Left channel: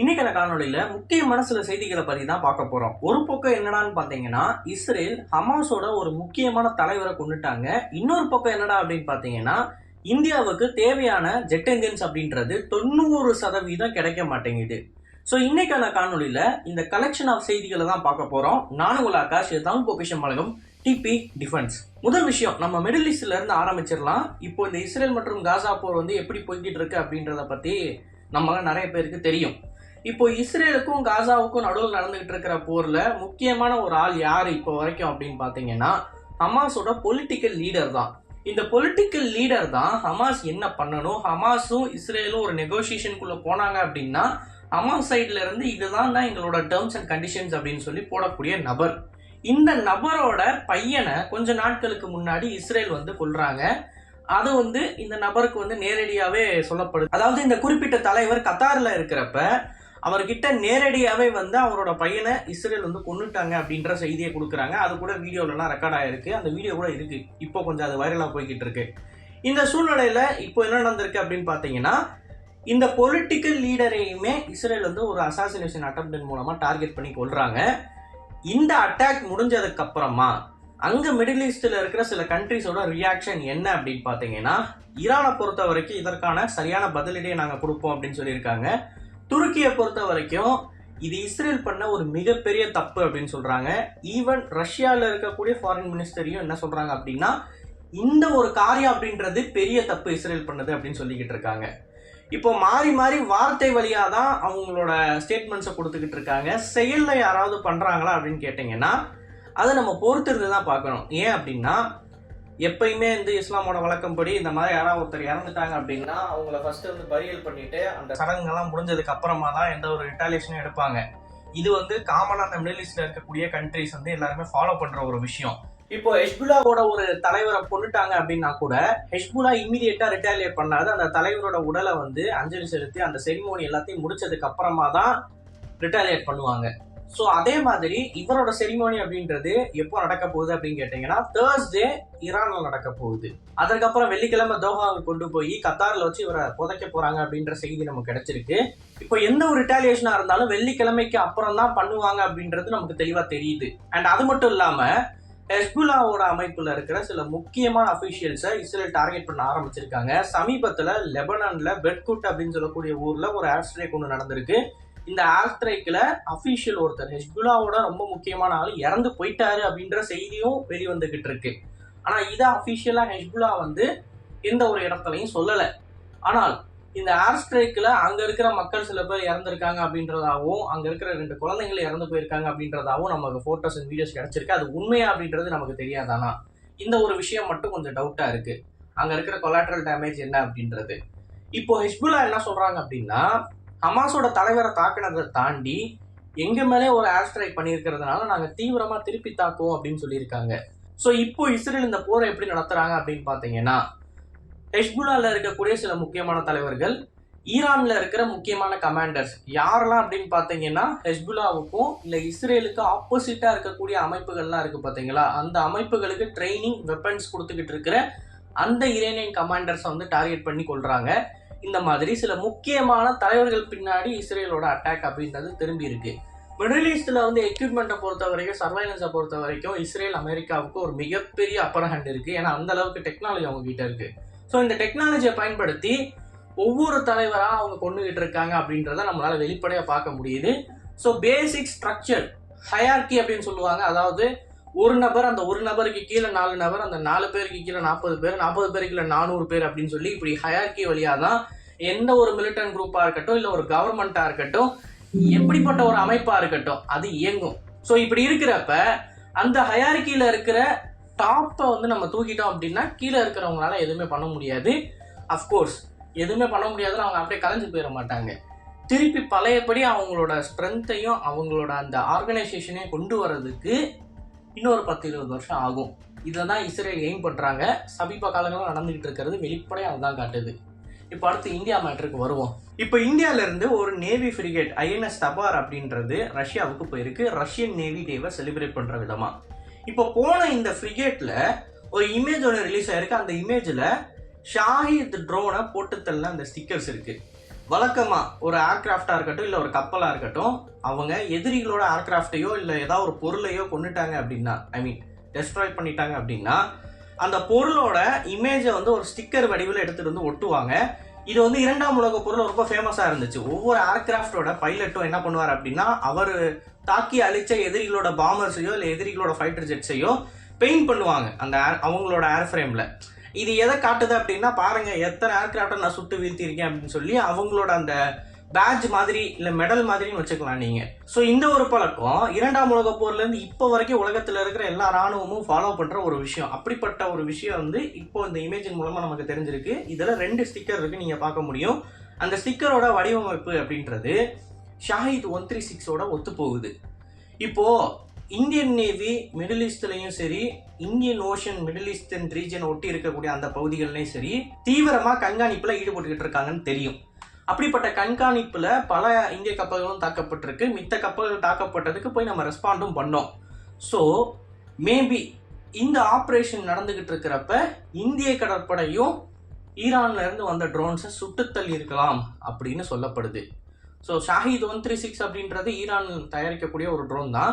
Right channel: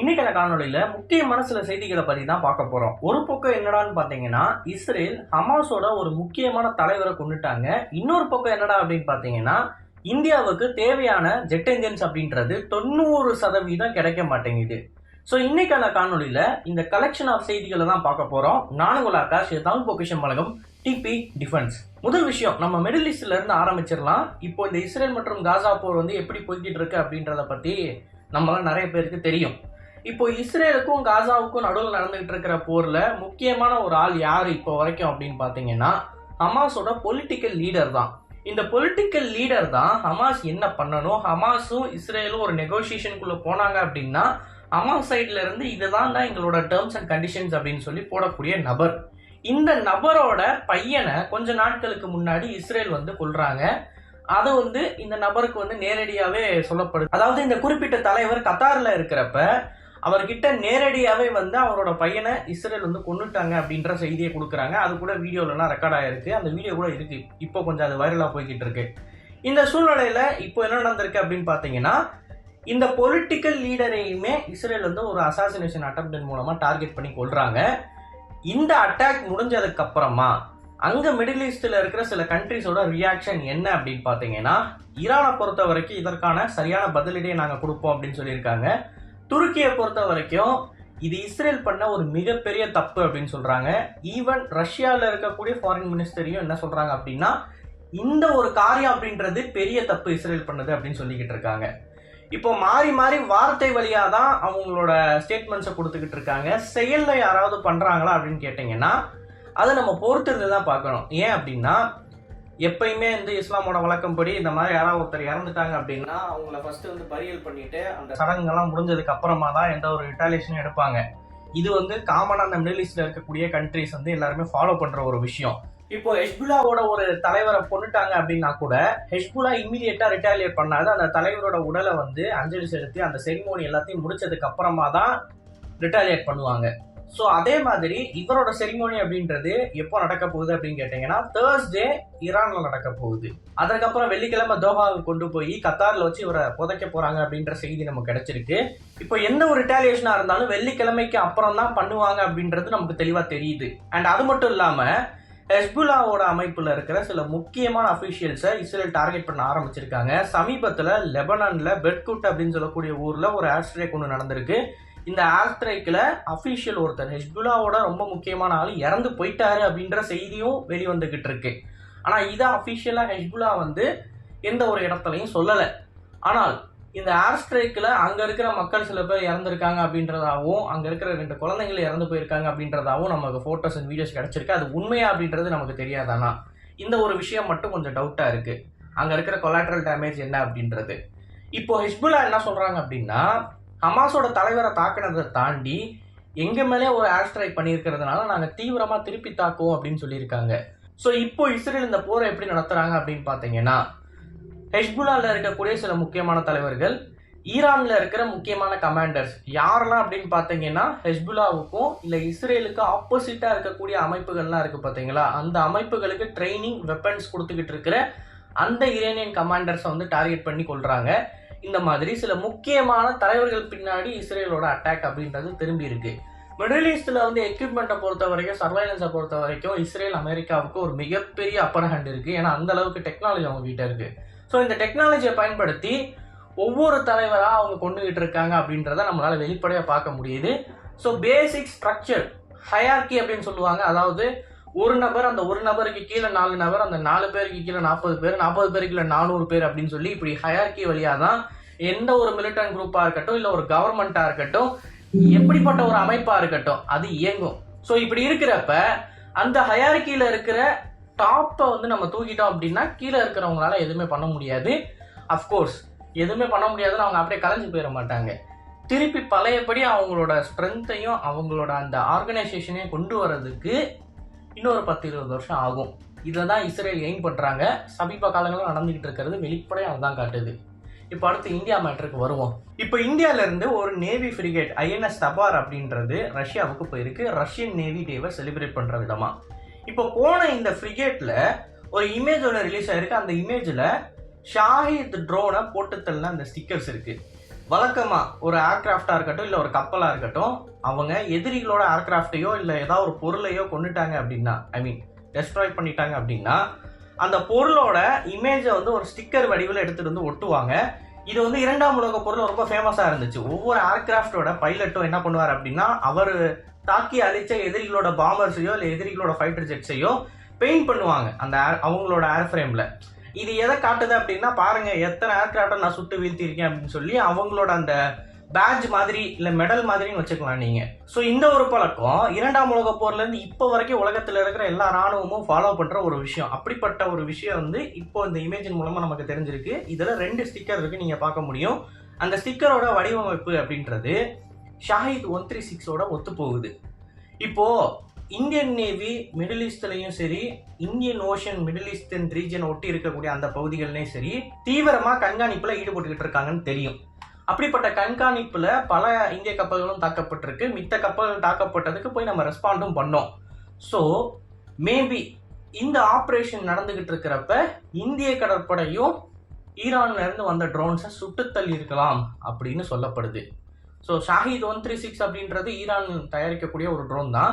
இன்னைக்கான காணொளியில முக்கியமான சில செய்திகளை பத்தி தான் பார்க்க போறோம். ஒரு பக்கம் என்னடான்னு பாத்தீங்கன்னா இஸ்ரேல் ஹமாஸோட ஒரு முக்கியமான தலைவரை கொண்டுட்டாங்க. இன்னொரு பக்கம் என்னடா அப்படின்னு பாத்தீங்கன்னா இந்தியாவுக்கு தேவையான ஜெட் என்ஜின்ஸ் அப்படின்றது தொண்ணூறு சதவீதம் கிடைக்க மாட்டேங்குது. ஸோ இன்னைக்கான காணொலியில் இந்த கலெக்ஷன் ஆஃப் செய்திகளை தான் பார்க்க போறோம். நானும் உங்கள் ஆகாஷ் தமிழ் பொக்கிஷன் வழங்கும் டிபி டிஃபென்ஸ். முதல் விஷயம் நம்ம மிடில் ஈஸ்ட்ல இருந்து ஆரம்பிச்சிடலாம். இப்போ இந்த இஸ்ரேல் மற்றும் காசா போர் வந்து எப்படி போய்கிட்டு இருக்கு அப்படின்றத பத்தி நம்மளாம் நிறைய பேருக்கு தெரியும். இப்போ இஸ்ரேலுக்கும் காசாவுக்கும் நடுவில் நடந்துகிட்டு இருக்கிற போர்ல முக்கியமான ஒரு ஆள் யார் இப்போ வரைக்கும் அப்படின்னு பார்த்தீங்கன்னா ஹமாஸோட பொலிட்டிக்கல் லீடர் தான். இந்த பொலிட்டிக்கல் லீடர் தான் ஹமாஸ் என்ன பண்ணணும்? ஹமாஸும் இஸ்ரேலும் ஒரு நெகோசியேஷனுக்குள்ள போனாங்க அப்படின்னா ஹமாஸ் சைட்ல இருந்து இதுதான் தான் எங்களோட டேர்ம்ஸ் அண்ட் கண்டிஷன்ஸ் அப்படின்னு சொல்லி போடக்கூடிய நபர். இந்த நபரோட பையனை கொஞ்ச நாட்களுக்கு முன்னாடி இஸ்ரேல் வந்து கொள்றாங்க அது வந்து இந்த நபருக்கு வந்து நேரடியாகவே சொல்லப்படுது. அதாவது இந்த குறிப்பிட்ட தலைவர் கத்தாரில் இருக்கிறப்ப அவர்கிட்ட நேரடியாகவே வந்து அவரோட பையனை இஸ்ரேல் வந்து கொண்டுட்டாங்க அப்படின்ற செய்தியை கொடுக்குறாங்க. அது கூட வீடியோலலாம் ரெக்கார்ட் ஆகிருக்கு அந்த வீடியோ கூட இருக்குது இப்போ கொஞ்சம் அது வைரலாக போய்கிட்டு இருக்கு. இந்த சூழ்நிலையில் இப்போ என்ன நடந்திருக்கு அப்படின்னு பார்த்தீங்கன்னா இந்த பொலிட்டிக்கல் லீடரையுமே இஸ்ரேல் வந்து ஒரு அசாசினேஷன் அட்டம்ப்ட் மூலமாக டார்கெட் பண்ணி கொள்கிறாங்க இந்த அட்டாக் முடிஞ்சதுக்கப்புறமா அங்கே மிடில் ஈஸ்டில் இருக்கிற சில கண்ட்ரிஸோட ரியாக்ஷன் என்ன அப்படின்னு பார்த்தீங்கன்னா ஈரானை பொறுத்த வரைக்கும் இதற்கான சரியான பதிலடியை நாங்கள் கொடுப்போம் அப்படின்னு சொல்லியிருக்காங்க. துருக்கியை பொறுத்த வரைக்கும் இது இஸ்ரேல் பண்ண ஒரு மிகப்பெரிய தப்பு அப்படின்னு சொல்கிறாங்க ஈவன் ரஷ்யாவில் இருக்கக்கூடிய ஃபாரின் மினிஸ்டரையும் என்ன சொல்கிறாங்க அப்படின்னா இந்த ஒரு காரியம் அப்படின்றது பெரிய தப்பு இஸ்ரேல் பண்ணது அப்படின்னு சொல்லிக்கிட்டு இருக்காங்க. இப்போ மாறி மாறி வார்த்தை வழியாக தான் அவங்களோட ஸ்டேட்மெண்ட்ஸை கொடுத்துக்கிட்டு இருக்காங்க. செயலில் யாராவது பண்ணுறாங்களா அப்படின்னு கேட்டிங்கன்னா அதை நம்ம பொறுத்திருந்து தான் பார்க்கணும். ஏன் அப்படின்னா எப்பயுமே வந்து இஸ்லாமோட வழக்கம்படி இந்த மாதிரி யாராவது ஒருத்தர் இறந்துட்டாங்க அப்படின்னா அவங்கள ஃபர்ஸ்ட் வந்து பரியல் பண்ணிட்டு அந்த சடங்குகள்லாம் முடிஞ்சதுக்கு அப்புறமா தான் எந்த ஒரு ரிட்டாலியேஷனும் எடுப்பாங்க. இது வந்து காமனாக அந்த மிடில் ஈஸ்டில் இருக்கக்கூடிய கண்ட்ரிஸ் வந்து எல்லாருமே ஃபாலோ பண்ணுற ஒரு விஷயம். இப்போ ஹெஷ்புல்லாவோட ஒரு தலைவரை கொண்டுட்டாங்க அப்படின்னா கூட ஹெஷ்புல்லா இம்மிடியட்டா ரிட்டாலியேட் பண்ணாது. அந்த தலைவரோட உடலை வந்து அஞ்சலி செலுத்தி அந்த செரிமோனி எல்லாத்தையும் முடிச்சதுக்கு அப்புறமா தான் ரிட்டாலியேட் பண்ணுவாங்க. ஸோ அதே மாதிரி இவரோட செரிமோனி அப்படின்றது எப்போ நடக்க போகுது அப்படின்னு கேட்டிங்கன்னா தேர்ஸ்டே ஈரானில் நடக்க போகுது. அதுக்கப்புறம் வெள்ளிக்கிழமை தோஹாவுக்கு கொண்டு போய் கத்தாரில் வச்சு இவரை புதைக்க போகிறாங்க அப்படின்ற செய்தி நமக்கு கிடைச்சிருக்கு. இப்போ எந்த ஒரு ரிட்டாலியேஷனாக இருந்தாலும் வெள்ளிக்கிழமைக்கு அப்புறம் தான் பண்ணுவாங்க அப்படின்றது நமக்கு தெளிவாக தெரியுது. அண்ட் அது மட்டும் இல்லாமல் ஹெஸ்புல்லாவோட அமைப்பில் இருக்கிற சில முக்கியமான அஃபிஷியல்ஸை இஸ்ரேல் டார்கெட் பண்ண ஆரம்பிச்சிருக்காங்க. சமீபத்தில் லெபனானில் பெட்குட் அப்படின்னு சொல்லக்கூடிய ஊரில் ஒரு ஆஸ்ட்ரேக் ஒன்று நடந்திருக்கு. இந்த ஏர் அஃபீஷியல் அஃபிஷியல் ஒருத்தர் ஹெஸ்புல்லாவோட ரொம்ப முக்கியமான ஆள் இறந்து போயிட்டாரு அப்படின்ற செய்தியும் வெளிவந்துக்கிட்டு இருக்கு. ஆனால் இதை அஃபிஷியலாக ஹெஸ்புல்லா வந்து எந்த ஒரு இடத்துலையும் சொல்லலை. ஆனால் இந்த ஏர் ஸ்ட்ரைக்கில் அங்கே இருக்கிற மக்கள் சில பேர் இறந்துருக்காங்க அப்படின்றதாகவும் அங்கே இருக்கிற ரெண்டு குழந்தைகள் இறந்து போயிருக்காங்க அப்படின்றதாகவும் நமக்கு ஃபோட்டோஸ் அண்ட் வீடியோஸ் கிடச்சிருக்கு. அது உண்மையா அப்படின்றது நமக்கு தெரியாதானா இந்த ஒரு விஷயம் மட்டும் கொஞ்சம் டவுட்டாக இருக்குது அங்கே இருக்கிற கொலாட்ரல் டேமேஜ் என்ன அப்படின்றது. இப்போ ஹிஸ்புல்லா என்ன சொல்கிறாங்க அப்படின்னா ஹமாஸோட தலைவரை தாக்குனதை தாண்டி எங்கள் மேலே ஒரு ஏர் ஸ்ட்ரைக் பண்ணியிருக்கிறதுனால நாங்கள் தீவிரமாக திருப்பி தாக்குவோம் அப்படின்னு சொல்லியிருக்காங்க. ஸோ இப்போ இஸ்ரேல் இந்த போரை எப்படி நடத்துகிறாங்க அப்படின்னு பார்த்தீங்கன்னா ஹெஷ்புல்லாவில் இருக்கக்கூடிய சில முக்கியமான தலைவர்கள் ஈரானில் இருக்கிற முக்கியமான கமாண்டர்ஸ் யாரெல்லாம் அப்படின்னு பார்த்தீங்கன்னா ஹெஸ்புல்லாவுக்கும் இல்லை இஸ்ரேலுக்கு ஆப்போசிட்டாக இருக்கக்கூடிய அமைப்புகள்லாம் இருக்குது பார்த்தீங்களா? அந்த அமைப்புகளுக்கு ட்ரைனிங் வெப்பன்ஸ் கொடுத்துக்கிட்டு இருக்கிற அந்த இரேனியன் கமாண்டர்ஸை வந்து டார்கெட் பண்ணி கொள்கிறாங்க இந்த மாதிரி சில முக்கியமான தலைவர்கள் பின்னாடி இஸ்ரேலோட அட்டாக் அப்படின்றது திரும்பி இருக்கு. மிடில் ஈஸ்டில் வந்து எக்யூப்மெண்ட்டை பொறுத்த வரைக்கும் சர்வைலன்ஸை பொறுத்த வரைக்கும் இஸ்ரேல் அமெரிக்காவுக்கு ஒரு மிகப்பெரிய அப்பர் ஹேண்ட் இருக்குது ஏன்னா அந்த அளவுக்கு டெக்னாலஜி அவங்க கிட்ட இருக்கு. ஸோ இந்த டெக்னாலஜியை பயன்படுத்தி ஒவ்வொரு தலைவராக அவங்க கொண்டுகிட்டு இருக்காங்க அப்படின்றத நம்மளால் வெளிப்படையாக பார்க்க முடியுது. ஸோ பேசிக் ஸ்ட்ரக்சர் ஹயார்கி அப்படின்னு சொல்லுவாங்க. அதாவது ஒரு நபர் அந்த ஒரு நபருக்கு கீழே நாலு நபர் அந்த நாலு பேருக்கு கீழே நாற்பது பேர் நாற்பது பேருக்கு கீழே நானூறு பேர் அப்படின்னு சொல்லி இப்படி ஹயார்கி வழியாக தான் எந்த ஒரு மிலிட்டன்ட் குரூப்பாக இருக்கட்டும் இல்லை ஒரு கவர்மெண்ட்டாக இருக்கட்டும் எப்படிப்பட்ட ஒரு அமைப்பாக இருக்கட்டும் அது இயங்கும். ஸோ இப்படி இருக்கிறப்ப அந்த ஹயாரிக்கியில் இருக்கிற டாப்பை வந்து நம்ம தூக்கிட்டோம் அப்படின்னா கீழே இருக்கிறவங்களால எதுவுமே பண்ண முடியாது. அஃப்கோர்ஸ் எதுவுமே பண்ண முடியாதுன்னு அவங்க அப்படியே கலைஞ்சு போயிட மாட்டாங்க. திருப்பி பழையபடி அவங்களோட ஸ்ட்ரென்த்தையும் அவங்களோட அந்த ஆர்கனைசேஷனையும் கொண்டு வர்றதுக்கு இன்னொரு பத்து இருபது வருஷம் ஆகும். இதை தான் இஸ்ரேல் எய்ம் பண்ணுறாங்க சமீப காலங்களில் நடந்துக்கிட்டு இருக்கிறது வெளிப்படையாக அதுதான் காட்டுது. இப்போ அடுத்து இந்தியா மேட்ருக்கு வருவோம். இப்போ இந்தியால இருந்து ஒரு நேவி ஃப்ரிகேட் ஐஎன்எஸ் தபார் அப்படின்றது ரஷ்யாவுக்கு போயிருக்கு. ரஷ்யன் நேவி டேவை செலிப்ரேட் பண்ற விதமா. இப்போ போன இந்த ஃப்ரிகேட்ல ஒரு இமேஜ் ஒன்று ரிலீஸ் ஆயிருக்கு. அந்த இமேஜில் ஷாஹித் ட்ரோனை போட்டுத்தள்ள அந்த ஸ்டிக்கர்ஸ் இருக்குது வழக்கமாக ஒரு ஏர்கிராஃப்டா இருக்கட்டும் இல்லை ஒரு கப்பலாக இருக்கட்டும் அவங்க எதிரிகளோட ஏர்கிராஃப்டையோ இல்லை ஏதாவது ஒரு பொருளையோ கொண்டுட்டாங்க அப்படின்னா ஐ மீன் டெஸ்ட்ராய் பண்ணிட்டாங்க அப்படின்னா அந்த பொருளோட இமேஜை வந்து ஒரு ஸ்டிக்கர் வடிவில் எடுத்துகிட்டு வந்து ஒட்டுவாங்க. இது வந்து இரண்டாம் உலக பொருள் ரொம்ப ஃபேமஸாக இருந்துச்சு. ஒவ்வொரு ஏர்கிராஃப்டோட பைலட்டும் என்ன பண்ணுவார் அப்படின்னா அவர் தாக்கி அழிச்ச எதிரிகளோட பாம்பர்ஸையோ இல்லை எதிரிகளோட ஃபைட்டர் ஜெட்ஸையோ பெயிண்ட் பண்ணுவாங்க அந்த அவங்களோட ஏர் ஃப்ரேமில் இது எதை காட்டுது அப்படின்னா பாருங்கள் எத்தனை ஏர்கிராஃப்டை நான் சுட்டு வீழ்த்தியிருக்கேன் அப்படின்னு சொல்லி அவங்களோட அந்த பேட்ச் மாதிரி இல்ல மெடல் மாதிரியும் வச்சுக்கலாம் நீங்க. சோ இந்த ஒரு பழக்கம் இரண்டாம் உலக போர்ல இருந்து இப்போ வரைக்கும் உலகத்துல இருக்கிற எல்லா ராணுவமும் ஃபாலோ பண்ற ஒரு விஷயம். அப்படிப்பட்ட ஒரு விஷயம் வந்து இப்போ இந்த இமேஜின் மூலமா நமக்கு தெரிஞ்சிருக்கு. இதுல ரெண்டு ஸ்டிக்கர் இருக்கு நீங்க பார்க்க முடியும். அந்த ஸ்டிக்கரோட வடிவமைப்பு அப்படின்றது ஷாஹித் ஒன் த்ரீ சிக்ஸோட ஒத்து போகுது. இப்போ இந்தியன் நேவி மிடில் ஈஸ்ட்லையும் சரி Indian Ocean middle eastern region ஒட்டி இருக்கக்கூடிய அந்த பகுதிகள்லையும் சரி தீவிரமா கண்காணிப்புல ஈடுபட்டுக்கிட்டு இருக்காங்கன்னு தெரியும். அப்படிப்பட்ட கண்காணிப்பில் பல இந்திய கப்பல்களும் தாக்கப்பட்டிருக்கு. மித்த கப்பல்கள் தாக்கப்பட்டதுக்கு போய் நம்ம ரெஸ்பாண்டும் பண்ணோம். ஸோ மேபி இந்த ஆப்ரேஷன் நடந்துகிட்டு இருக்கிறப்ப இந்திய கடற்படையும் ஈரான்ல இருந்து வந்த ட்ரோன்ஸை சுட்டு இருக்கலாம் அப்படின்னு சொல்லப்படுது. So Shahed one three six அப்படின்றது ஈரான் தயாரிக்கக்கூடிய ஒரு ட்ரோன் தான்.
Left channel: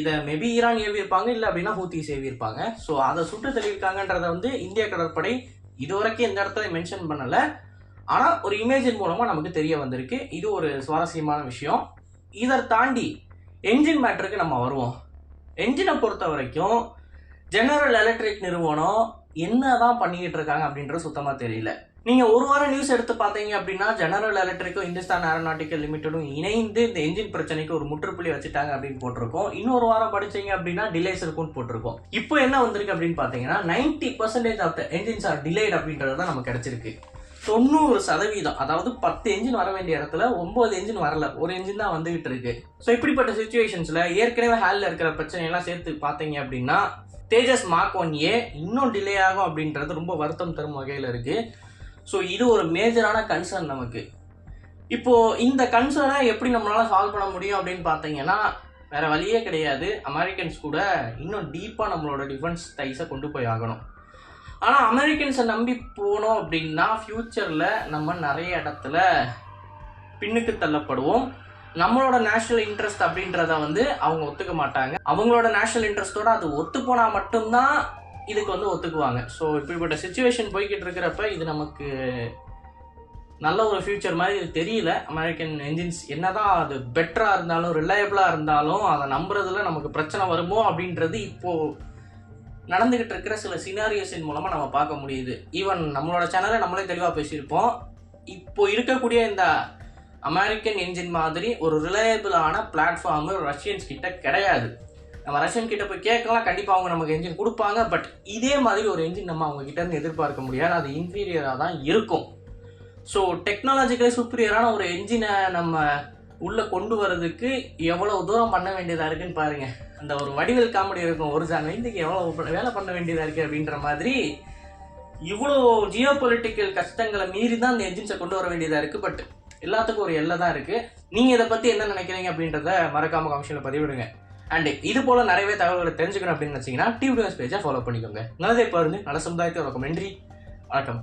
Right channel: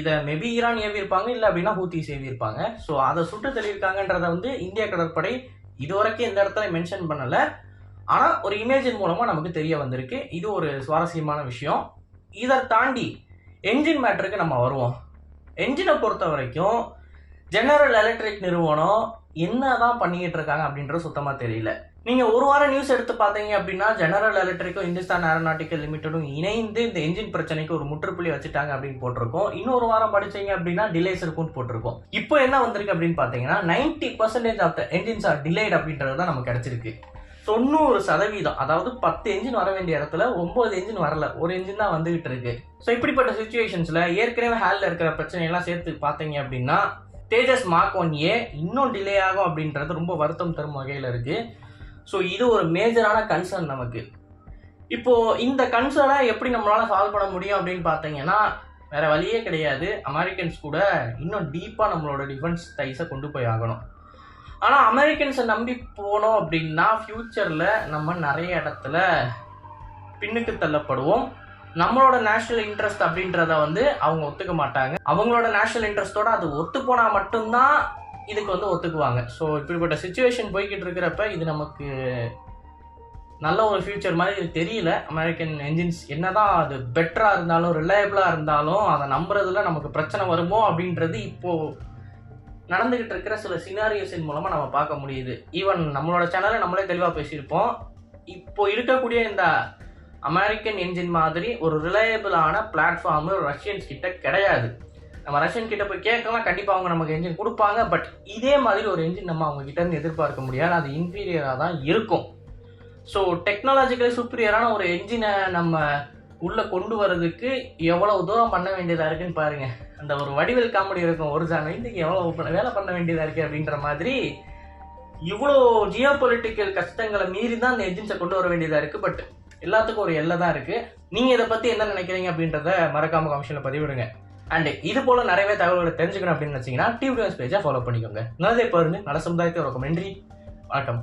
இதை மேபி ஈரான் ஏவியிருப்பாங்க இல்லை அப்படின்னா ஹூத்திஸ் ஏவியிருப்பாங்க. ஸோ அதை சுட்டு தள்ளியிருக்காங்கன்றத வந்து இந்திய கடற்படை இதுவரைக்கும் இந்த இடத்துல மென்ஷன் பண்ணலை. ஆனால் ஒரு இமேஜின் மூலமாக நமக்கு தெரிய வந்திருக்கு. இது ஒரு சுவாரஸ்யமான விஷயம். இதை தாண்டி என்ஜின் மேட்டருக்கு நம்ம வருவோம். என்ஜினை பொறுத்த வரைக்கும் ஜெனரல் எலக்ட்ரிக் நிறுவனம் என்ன தான் பண்ணிக்கிட்டு இருக்காங்க அப்படின்றது சுத்தமாக தெரியல. நீங்கள் ஒரு வாரம் நியூஸ் எடுத்து பார்த்தீங்க அப்படின்னா ஜெனரல் எலக்ட்ரிக்கும் இந்துஸ்தான் ஏரோநாட்டிக்கல் லிமிடெடும் இணைந்து இந்த என்ஜின் பிரச்சனைக்கு ஒரு முற்றுப்புள்ளி வச்சுட்டாங்க அப்படின்னு போட்டிருக்கோம். இன்னொரு வாரம் படிச்சீங்க அப்படின்னா டிலேஸ் இருக்கும்னு போட்டிருக்கோம். இப்போ என்ன வந்திருக்கு அப்படின்னு பார்த்தீங்கன்னா ninety percentage of the engines are delayed அப்படின்றது தான் நமக்கு கிடைச்சிருக்கு. தொண்ணூறு சதவீதம் அதாவது பத்து என்ஜின் வர வேண்டிய இடத்துல ஒன்பது என்ஜின் வரல. ஒரு என்ஜின் தான் வந்துகிட்டு இருக்கு. ஸோ இப்படிப்பட்ட சுச்சுவேஷன்ஸில் ஏற்கனவே ஹேலில் இருக்கிற பிரச்சனையெல்லாம் சேர்த்து பார்த்தீங்க அப்படின்னா தேஜஸ் மார்க் ஒன் ஏ இன்னும் டிலே ஆகும் அப்படின்றது ரொம்ப வருத்தம் தரும் வகையில் இருக்கு. ஸோ இது ஒரு மேஜரான கன்சர்ன் நமக்கு. இப்போ இந்த கன்சர்னை எப்படி நம்மளால சால்வ் பண்ண முடியும் அப்படின்னு பார்த்தீங்கன்னா வேற வழியே கிடையாது. அமெரிக்கன்ஸ் கூட இன்னும் டீப்பாக நம்மளோட டிஃபென்ஸ் டைஸை கொண்டு போய் ஆகணும். ஆனால் அமெரிக்கன்ஸை நம்பி போனோம் அப்படின்னா ஃப்யூச்சரில் நம்ம நிறைய இடத்துல பின்னுக்கு தள்ளப்படுவோம். நம்மளோட நேஷனல் இன்ட்ரெஸ்ட் அப்படின்றத வந்து அவங்க ஒத்துக்க மாட்டாங்க. அவங்களோட நேஷனல் இன்ட்ரெஸ்டோட அது ஒத்து போனால் மட்டும்தான் இதுக்கு வந்து ஒத்துக்குவாங்க. ஸோ இப்படிப்பட்ட சுச்சுவேஷன் போய்கிட்டு இருக்கிறப்ப இது நமக்கு நல்ல ஒரு ஃபியூச்சர் மாதிரி தெரியல. அமெரிக்கன் என்ஜின்ஸ் என்னதான் அது பெட்டராக இருந்தாலும் ரிலையபிளாக இருந்தாலும் அதை நம்புறதுல நமக்கு பிரச்சனை வருமோ அப்படின்றது இப்போது நடந்துகிட்டு இருக்கிற சில சினாரியோஸின் மூலமாக நம்ம பார்க்க முடியுது. ஈவன் நம்மளோட சேனலில் நம்மளே தெளிவாக பேசியிருப்போம். இப்போ இருக்கக்கூடிய இந்த அமெரிக்கன் என்ஜின் மாதிரி ஒரு ரிலையபிளான பிளாட்ஃபார்மு ரஷ்யன்ஸ் கிட்ட கிடையாது. நம்ம ரஷ்யன் கிட்ட போய் கேட்கலாம். கண்டிப்பாக அவங்க நமக்கு என்ஜின் கொடுப்பாங்க. பட் இதே மாதிரி ஒரு என்ஜின் நம்ம அவங்க கிட்ட இருந்து எதிர்பார்க்க முடியாது. அது இன்ஃபீரியராக தான் இருக்கும். ஸோ டெக்னாலஜிக்கலி சுப்பீரியரான ஒரு என்ஜினை நம்ம உள்ளே கொண்டு வர்றதுக்கு எவ்வளோ தூரம் பண்ண வேண்டியதாக இருக்குன்னு பாருங்கள் அந்த ஒரு வடிவில் காமெடி இருக்கும் ஒரு சாங் இதுக்கு எவ்வளோ வேலை பண்ண வேண்டியதாக இருக்குது அப்படின்ற மாதிரி இவ்வளோ ஜியோ பொலிட்டிக்கல் கஷ்டங்களை மீறி தான் இந்த என்ஜின்ஸை கொண்டு வர வேண்டியதாக இருக்குது பட் எல்லாத்துக்கும் ஒரு எல்லை தான் இருக்குது நீங்கள் இதை பற்றி என்ன நினைக்கிறீங்க அப்படின்றத மறக்காம கமிஷனில் பதிவிடுங்க. அண்ட் இது போல் நிறையவே தகவல்களை தெரிஞ்சுக்கணும் அப்படின்னு நினைச்சீங்கன்னா டிவி பேஜை ஃபாலோ பண்ணிக்கோங்க. நல்லதை பாருங்க. நல்ல சமுதாயத்தை உறக்கும் நன்றி. வணக்கம்.